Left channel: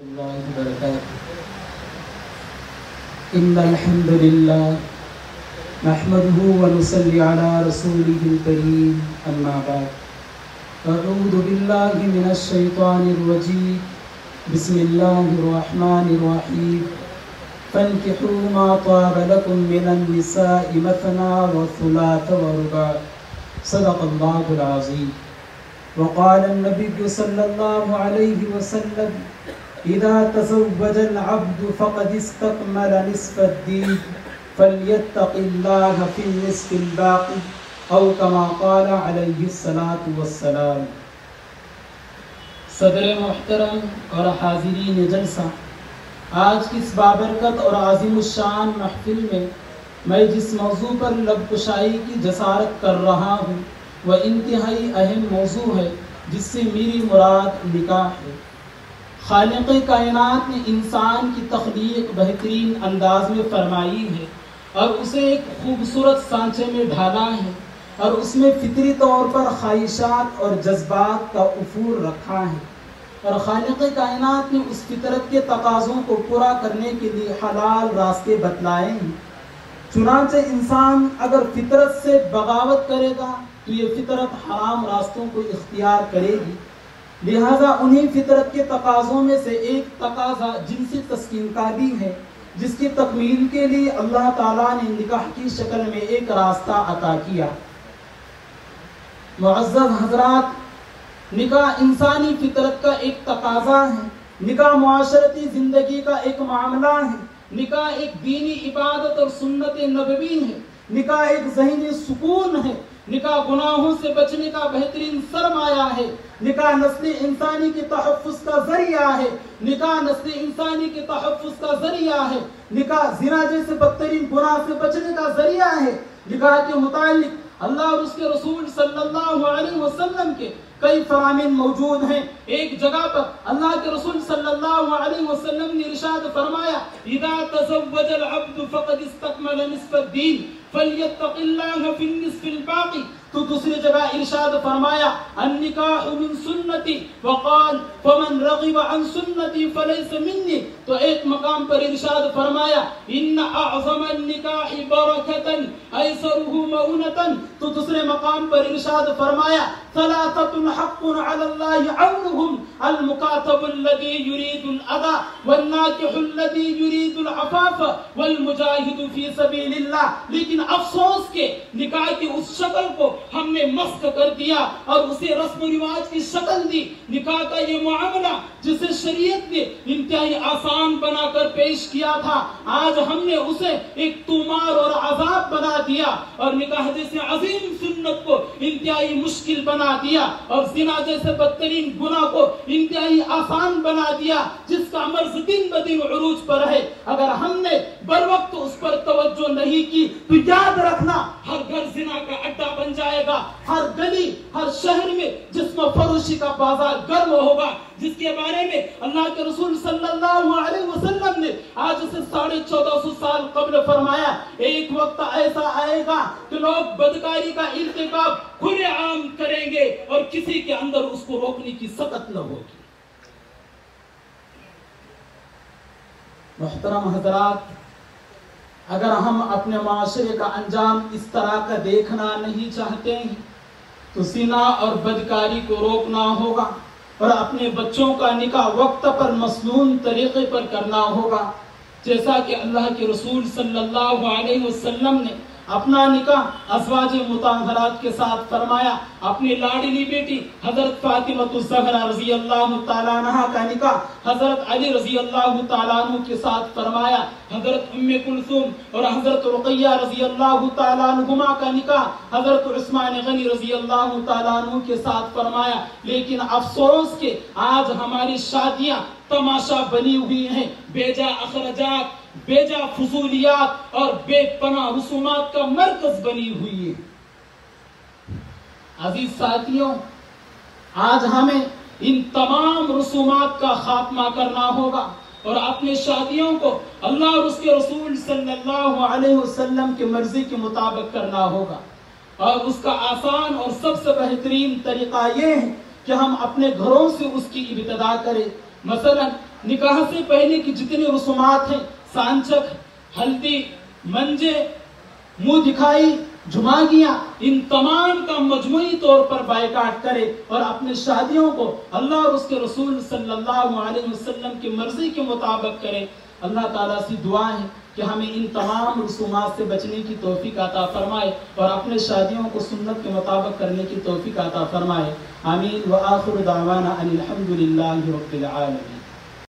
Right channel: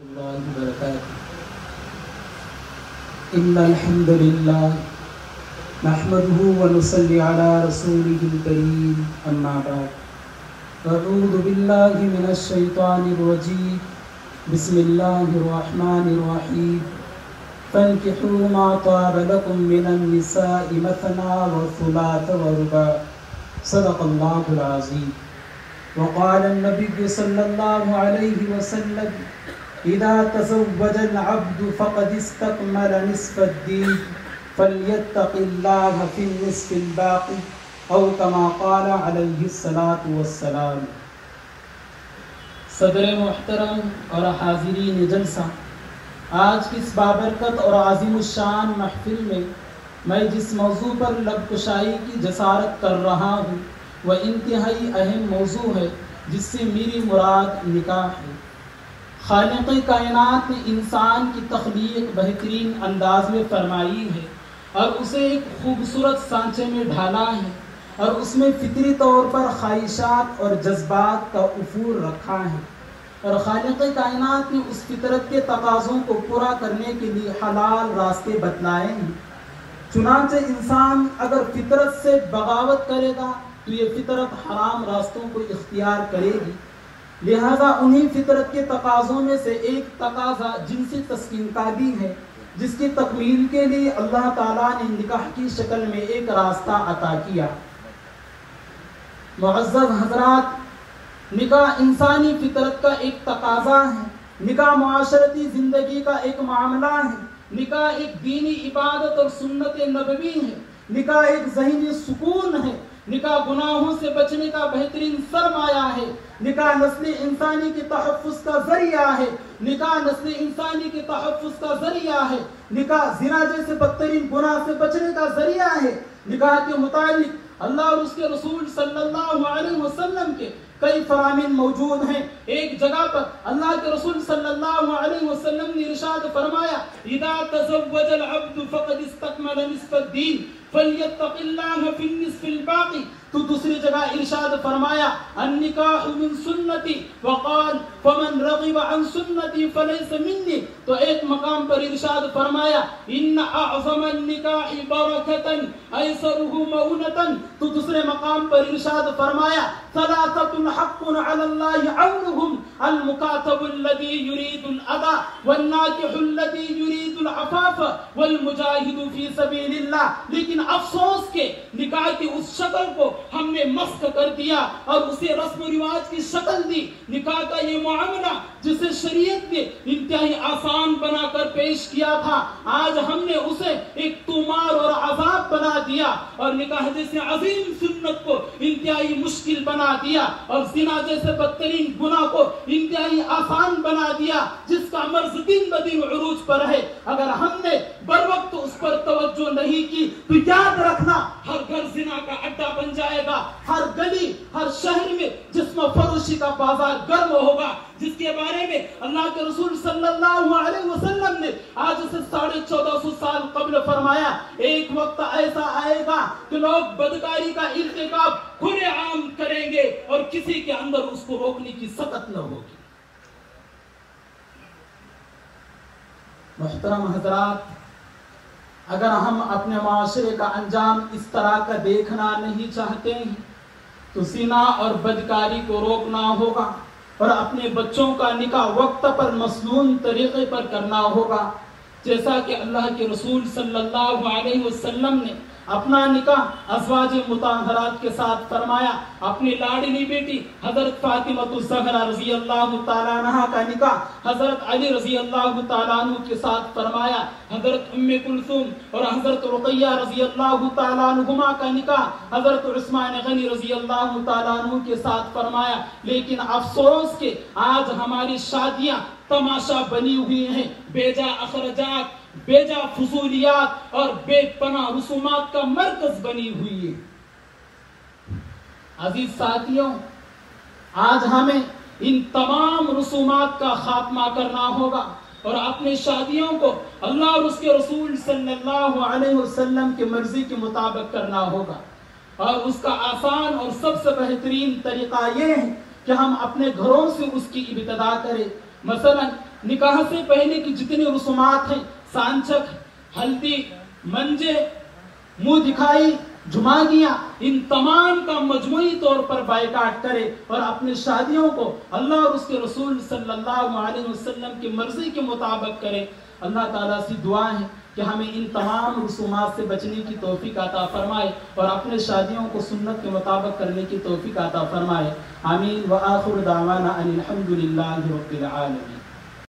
الله وبركاته. إن الحمد لله نحمده ونصلي على رسوله الكريم أما بعد. أعوذ بالله من الشيطان الرجيم. بسم الله الرحمن الرحيم. فانكحوا ما طاب لكم من النساء مثنى وثلاث ورباع. صدق الله العظيم. وقال النبي صلى الله عليه وسلم: إذا تزوج العبد فقد استكمل نصف الدين فليتق الله في النصف الباقي أو كما قال عليه الصلاة والسلام. صدر محترم اور حاضرین جلسہ، آج کی اس بابرکت اور عظیم الشان محفل میں جس موضوع پر لب کشائی کی جسارت کر رہا ہوں وہ انتہائی اہم موضوع ہے، جس سے میری مراد نکاح ہے۔ خالق کائنات نے انسان کی تخلیق بہترین انداز میں فرمائی ہے اور اسے ایک خوبصورت سانچے میں ڈھالا ہے اور اس میں فطری طور پر خواہشات اور جذبات کا افور رکھا ہے، اور خالق کائنات نے اس فطرت کے تقاضوں کو پورا کرنے کے لیے حلال راستے بتلائے ہیں۔ چنانچہ انسان اگر فطرت سے بغاوت کرے گا تو یہ فطرت حرام راستوں کو اختیار کرے گی، لہذا انہی فطرت کے تقاضوں میں سے ایک تقاضا جنسی تسکین کا بھی ہے، جس کی تکمیل کے لیے اللہ تعالیٰ نے نکاح کی شکل میں ایک راستہ عطا کیا۔ معزز حضرات، نکاح انسانی فطرت کا ایک تقاضا ہے، نکاح معاشرتی زندگی کا ایک معاملہ ہے، نکاح ایک دینی عبادت اور سنت نبوی ہے، نکاح ایک ذہنی سکون ہے، نکاح گناہوں سے بچنے کا بہترین سرمایہ ہے، نکاح نسل انسانی کے تحفظ کا ذریعہ ہے، نکاح نسل انسانی کے تحفظ کا ذریعہ ہے، نکاح زنا جیسے بدترین گناہ سے بچنے کا ذریعہ ہے۔ نکاح کے متعلق اللہ اور اس کے رسول صلی اللہ علیہ وسلم کے کئی فرامین موجود ہیں۔ ایک جگہ پر اللہ کے رسول صلی اللہ علیہ وسلم نے ارشاد فرمایا: اذا تزوج العبد فقد استكمل نصف الدين فليتق الله في النصف الباقي۔ تو دوسری جگہ ارشاد فرمایا: النکاح من سنتی وقال فمن رغب عن سنتی فلیس منی۔ تو ایک مقام پر ارشاد فرمایا: ان اعظم النکاح برکتا ایسره مؤونتا۔ تو دوسرے مقام پر ارشاد فرمایا: ثلاثة حق على الله عونهم المكاتب الذي يريد الأداء والناكح الذي يريد العفاف والمجاهد في سبيل الله۔ لیکن افسوس کے نکاح کی اس شکل کو ہم نے مسخ کر دیا اور اسے رسم و رواج کی شکل دی۔ نکاح کا یہ معاملہ جسے شریعت نے انتہائی آسان بنا کر پیش کیا تھا، آج ہم نے اسے ایک تومار اور عذاب بنا دیا، اور نکاح جیسے عظیم سنت کو انتہائی مشکل بنا دیا، اور زنا جیسے بدترین گناہ کو انتہائی آسان بنا دیا، جس کا مرض دن بدن عروج پر ہے۔ اگر ہم نے بر وقت اس پر توجہ نہیں کی تو یاد رکھنا ہر گھر زنا کا اڈا بن جائے گا، ہر گلی ہر شہر میں جسم فروشی کا بازار گرم ہوگا، جس کے بارے میں اللہ کے رسول صلی اللہ علیہ وسلم نے آج سے 1450 سال قبل فرمایا: ایک وقت ایسا آئے گا کہ لوگ بدکاری کا ارتکاب کھلے عام کریں گے اور کسی کے اندر اس کو روکنے کی سخت نہ ہوگی۔ محترم حضرات، اگر ہم اپنے معاشرے کا انجام اس طرح کا دیکھنا نہیں چاہتے ہیں تو زنا اور بدکاری کو روکنا ہوگا اور اپنے بچوں کا نکاح وقت پر مسنون طریقے پر کرنا ہوگا، جیسا کہ اللہ کے رسول صلی اللہ علیہ وسلم نے اپنا نکاح ازواج مطہرات کے ساتھ فرمایا۔ اپنی لاڈلی بیٹی حضرت فاطمہ الزہرا رضی اللہ تعالیٰ عنہ کا نکاح حضرت علی رضی اللہ تعالیٰ عنہ کے ساتھ فرمایا۔ حضرت ام کلثوم اور حضرت رقیہ رضی اللہ تعالیٰ عنہما کا نکاح حضرت عثمان غنی رضی اللہ تعالیٰ عنہ کے ساتھ فرمایا۔ لیکن افسوس کہ آج ہماری شادیاں تماشا بنی ہوئی ہیں، بیجا اخراجات، بیجا فضولیات اور بے پناہ رسومات کا مرکز بنی ہوئی ہے۔ عزیز ساتھیوں، آج ہمیں ان تمام رسومات کا خاتمہ کرنا ہوگا اور اپنے شادیوں کو اللہ اور اس کے رسول صلی اللہ علیہ وسلم کی مرضی کے مطابق کرنا ہوگا، اور اس کا آسان اور سب سے بہترین طریقہ یہ ہے کہ ہم اپنے گھروں سے اس کی ابتدا کریں۔ مثلا نکاح سے پہلے کی جتنی رسومات ہیں، سانچک، ہلدی، منجے، منہ دکھائی، جھماگیاں، ان تمام کا مجموعی طور پر بائیکاٹ کرے اور اپنے شادیوں کو اللہ اور اس کے رسول صلی اللہ علیہ وسلم کی مرضی کے مطابق کرے۔ اللہ تعالیٰ سے دعا ہے کہ ہمیں ان تمام رسومات سے بچنے کی توفیق عطا فرمائے اور اپنے شادیوں کو سنت کے مطابق کرنے کی توفیق عطا فرمائے۔ آمین۔ وآخر دعوانا ان الحمد للہ رب العالمین۔